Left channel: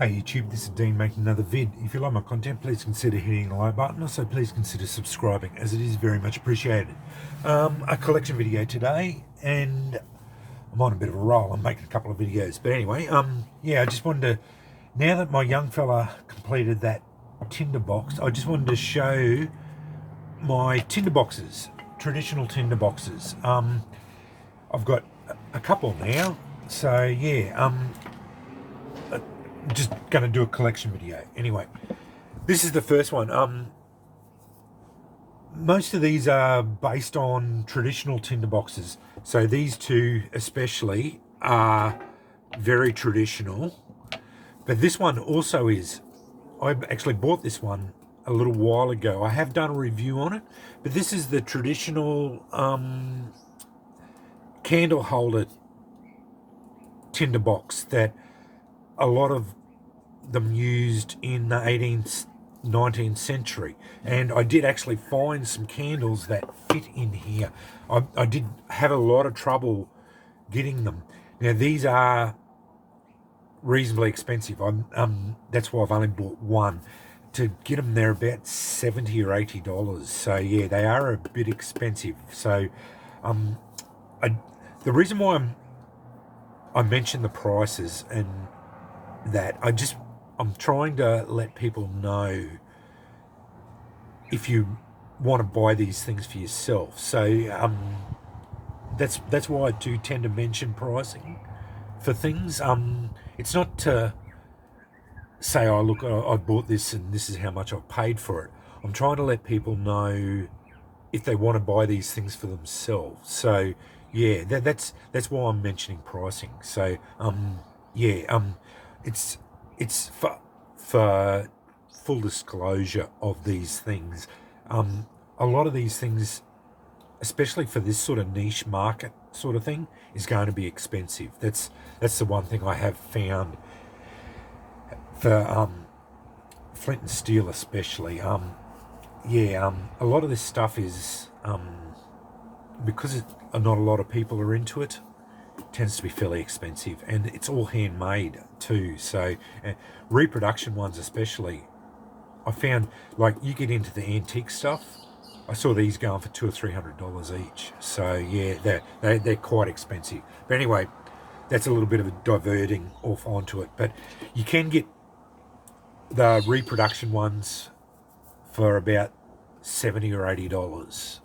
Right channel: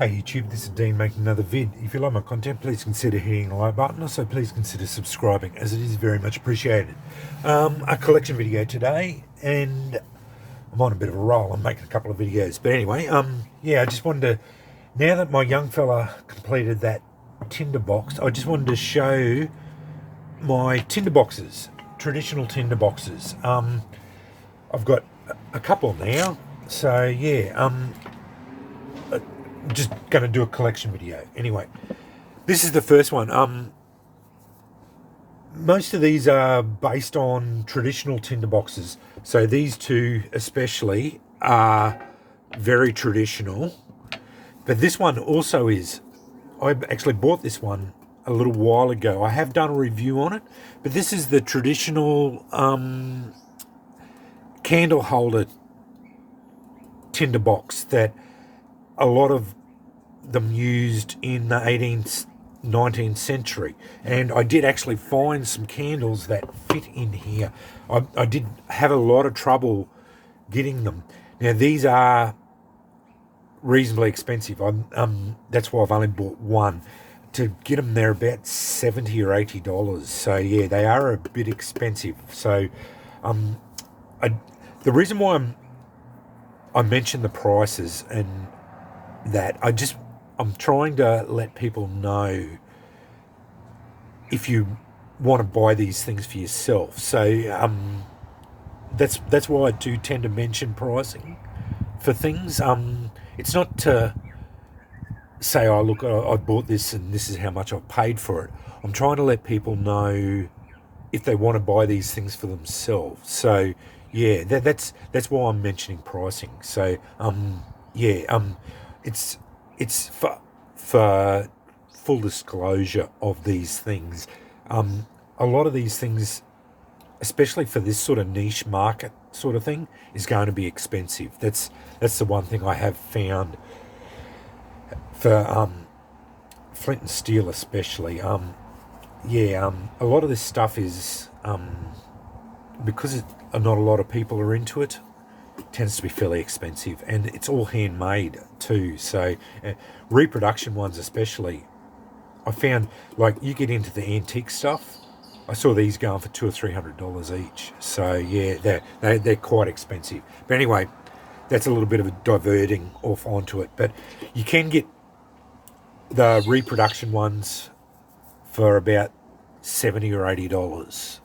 Hey YouTube, this is Dean making another vid. If you like my content, please consider hitting the like button. Also, please consider subscribing, as it is very much appreciated. A collection video today, and I'm on a bit of a roll. I'm making a couple of videos. But anyway, I just wanted to, now that my young fella completed that tinderbox, I just wanted to show my tinderboxes, traditional tinderboxes. I've got a couple now. So yeah, just going to do a collection video. Anyway, this is the first one. Most of these are based on traditional tinderboxes. So these two especially are very traditional. But this one also is. I actually bought this one a little while ago. I have done a review on it. But this is the traditional candle holder tinderbox that a lot of them used in the 18th, 19th century. And I did actually find some candles that fit in here. I did have a lot of trouble getting them. Now, these are reasonably expensive. That's why I've only bought one. To get them, they're about $70 or $80. So, yeah, they are a bit expensive. So, the reason why I mentioned the prices and that, I'm trying to let people know if you want to buy these things for yourself. So that's why I do tend to mention pricing for things. It's not to say, oh look, I bought this and this is how much I've paid for it. I'm trying to let people know if they want to buy these things for themselves. So yeah, that's why I'm mentioning pricing. So it's for full disclosure of these things. A lot of these things, especially for this sort of niche market sort of thing, is going to be expensive. That's the one thing I have found for flint and steel, especially. A lot of this stuff is because not a lot of people are into it. Tends to be fairly expensive, and it's all handmade too. So reproduction ones especially, I found, like, you get into the antique stuff, I saw these going for $200 or $300 each. So yeah, they're quite expensive. But anyway, that's a little bit of a diverting off onto it. But you can get the reproduction ones for about $70 or $80,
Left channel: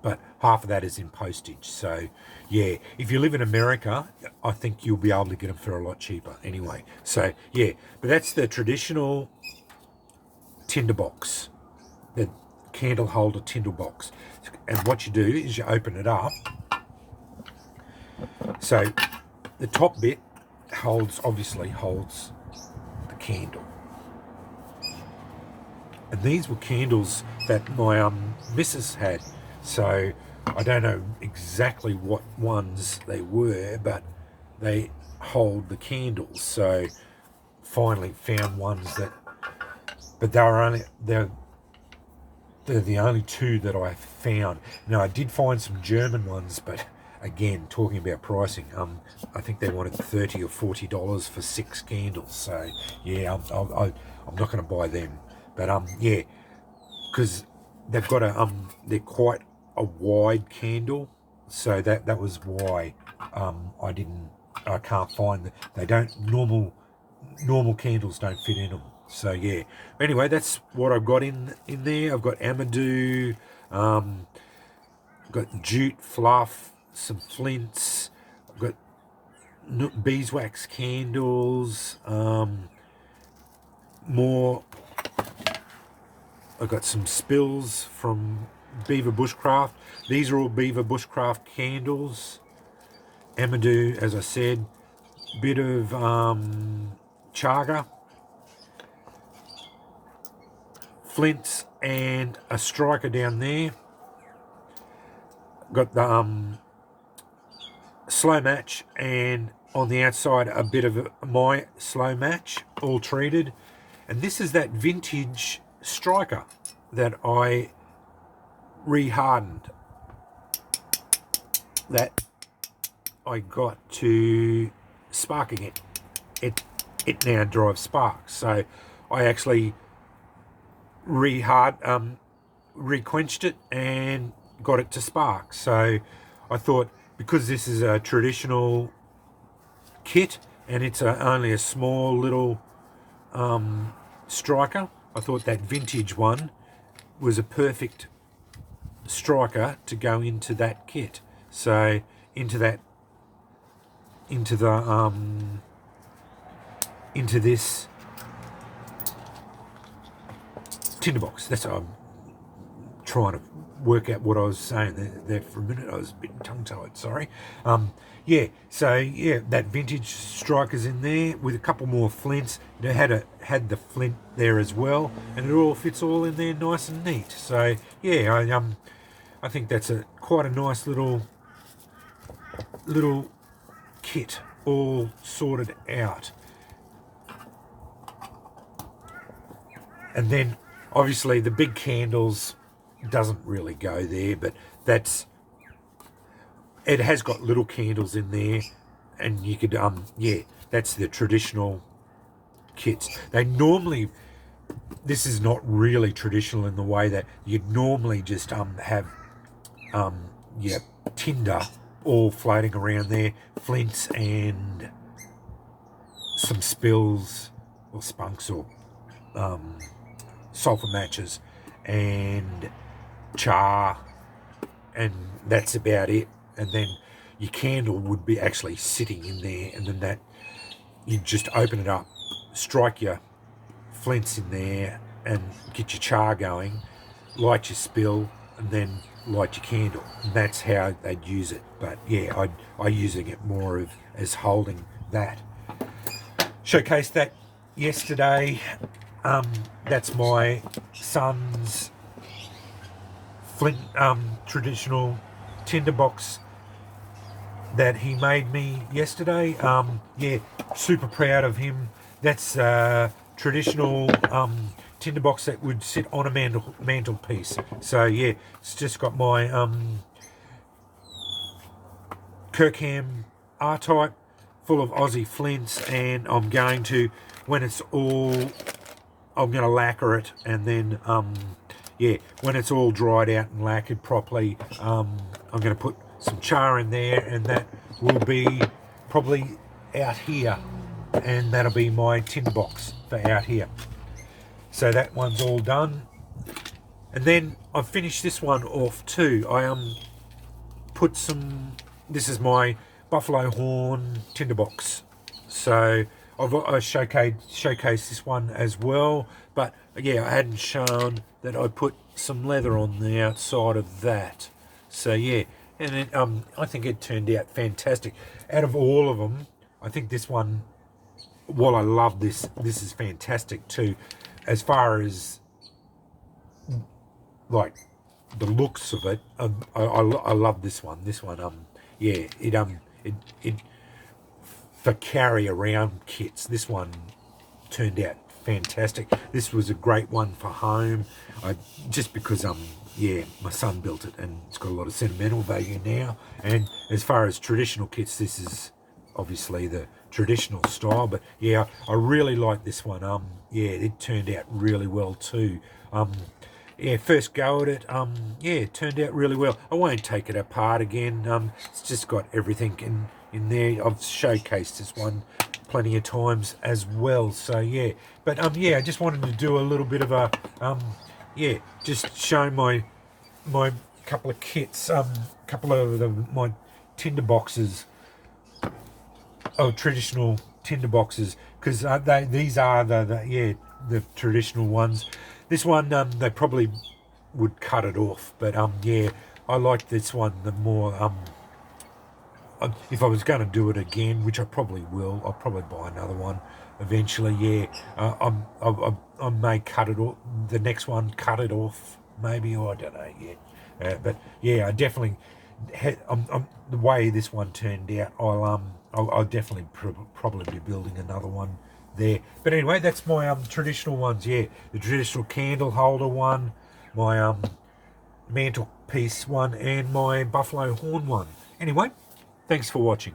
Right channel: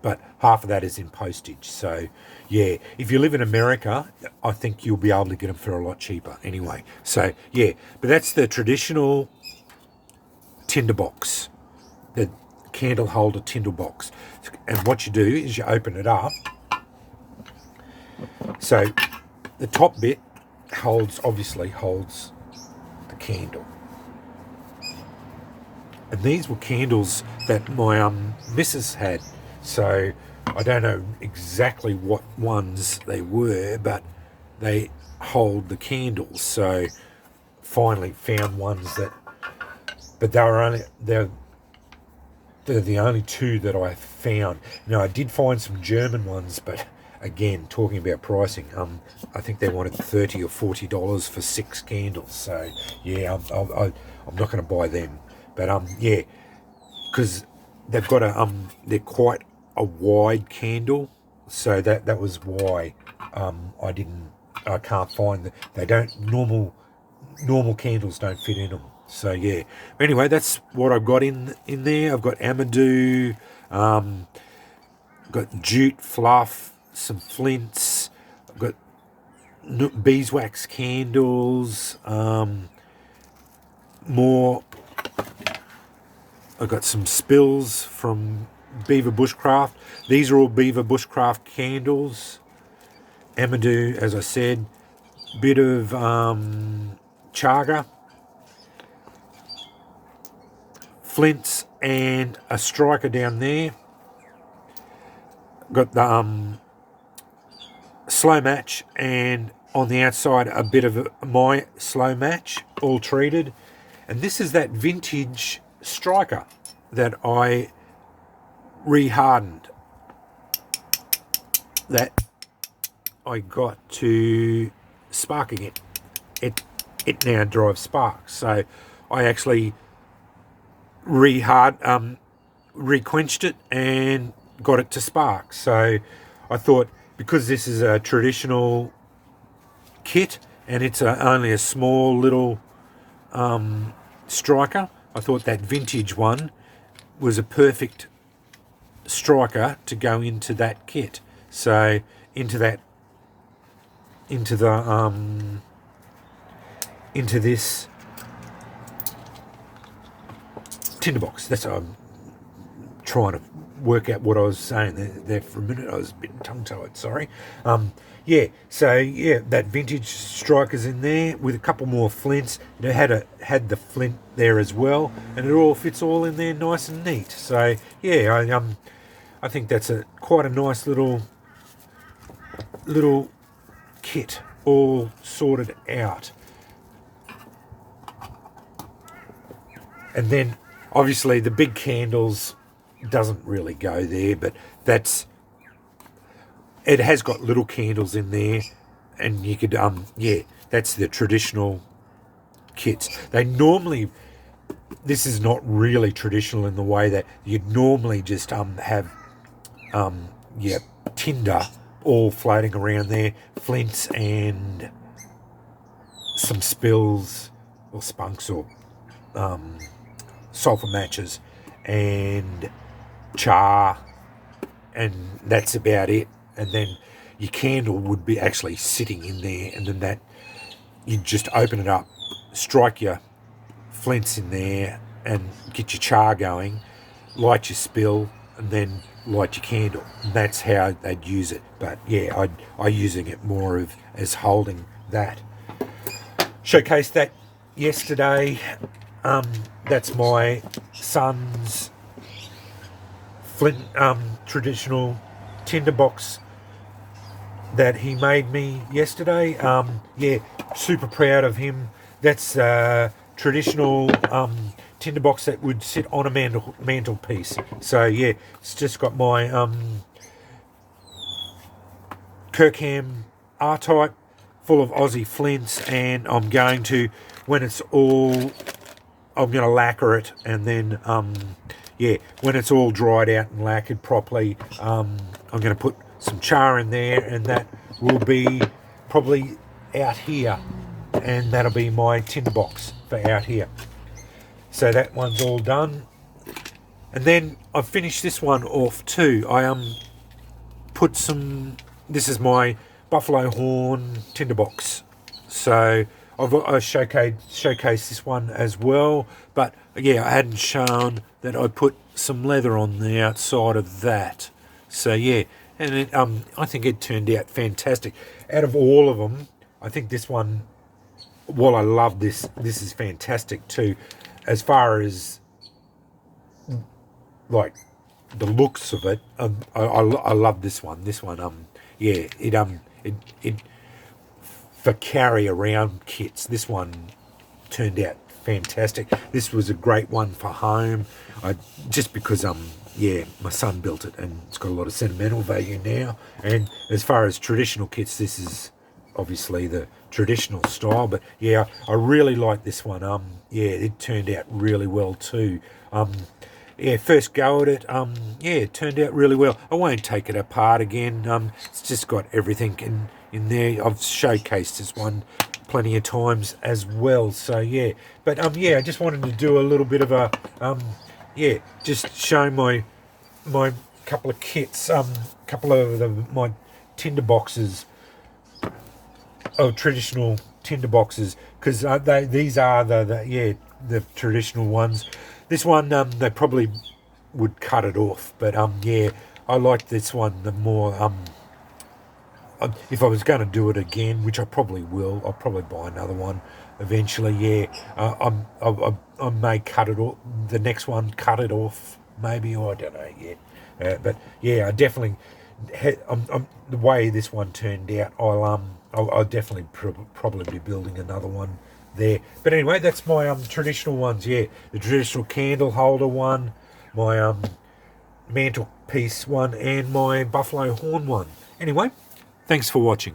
but half of that is in postage. So yeah, if you live in America, I think you'll be able to get them for a lot cheaper anyway. So yeah, but that's the traditional tinderbox, the candle holder tinderbox. And what you do is you open it up. So the top bit obviously holds the candle. And these were candles that my missus had. So I don't know exactly what ones they were, but they hold the candles. So finally found ones that, but they're the only two that I found. Now, I did find some German ones, but again, talking about pricing, I think they wanted $30 or $40 for 6 candles. So yeah, I'm not going to buy them. But yeah, because they've got they're quite a wide candle, so that was why I can't find they don't normal candles don't fit in them. So yeah, but anyway, that's what I've got in there. I've got Amadou, got jute fluff, some flints, I've got beeswax candles, more. I've got some spills from Beaver Bushcraft. These are all Beaver Bushcraft candles. Amadou, as I said, bit of chaga, flints, and a striker down there. Got the slow match, and on the outside a bit of my slow match, all treated. And this is that vintage striker that I rehardened, that I got to sparking it. it now drives sparks. So I actually re-quenched it and got it to spark. So I thought, because this is a traditional kit and it's only a small little striker, I thought that vintage one was a perfect striker to go into that kit. So into this tinderbox. That's what I'm trying to work out what I was saying there for a minute. I was a bit tongue-tied, sorry. Yeah, so yeah, that vintage striker's in there with a couple more flints. You know, had the flint there as well, and it all fits all in there nice and neat. So yeah, I think that's quite a nice little kit, all sorted out. And then obviously the big candles doesn't really go there, but it has got little candles in there, and you could that's the traditional kits. This is not really traditional in the way that you'd normally just have tinder all floating around there, flints and some spills or spunks or sulfur matches and char, and that's about it. And then your candle would be actually sitting in there, and then that you'd just open it up, strike your flints in there and get your char going, light your spill, and then light your candle. And that's how they'd use it. But yeah, I using it more as holding that. Showcased that yesterday. That's my son's flint traditional tinderbox that he made me yesterday. Yeah, super proud of him. That's traditional tinderbox that would sit on a mantelpiece. So yeah, it's just got my Kirkham R-type full of Aussie flints, and I'm going to lacquer it, and then when it's all dried out and lacquered properly, I'm going to put some char in there, and that will be probably out here, and that'll be my tinderbox for out here. So that one's all done, and then I've finished this one off too. I put some. This is my buffalo horn tinderbox, so I showcased this one as well. But yeah, I hadn't shown that I put some leather on the outside of that. So yeah, and I think it turned out fantastic. Out of all of them, I think this one, while I love this is fantastic too. As far as like the looks of it, I love this one. This one, it for carry around kits, this one turned out fantastic. This was a great one for home. Just because my son built it and it's got a lot of sentimental value now. And as far as traditional kits, this is obviously the traditional style, but yeah, I really like this one. It turned out really well too. First go at it, it turned out really well. I won't take it apart again. It's just got everything in there. I've showcased this one plenty of times as well. So yeah, but I just wanted to do a little bit of a just show my couple of kits, couple of my tinder boxes, traditional tinder boxes, because these are the traditional ones. This one they probably would cut it off, but I like this one the more. If I was going to do it again, which I probably will, I'll probably buy another one eventually. I may cut it off. The next one, cut it off, maybe, or I don't know yet. But yeah, I definitely. The way this one turned out, I'll definitely probably be building another one there. But anyway, that's my traditional ones. Yeah, the traditional candle holder one, my mantelpiece one, and my buffalo horn one. Anyway, thanks for watching.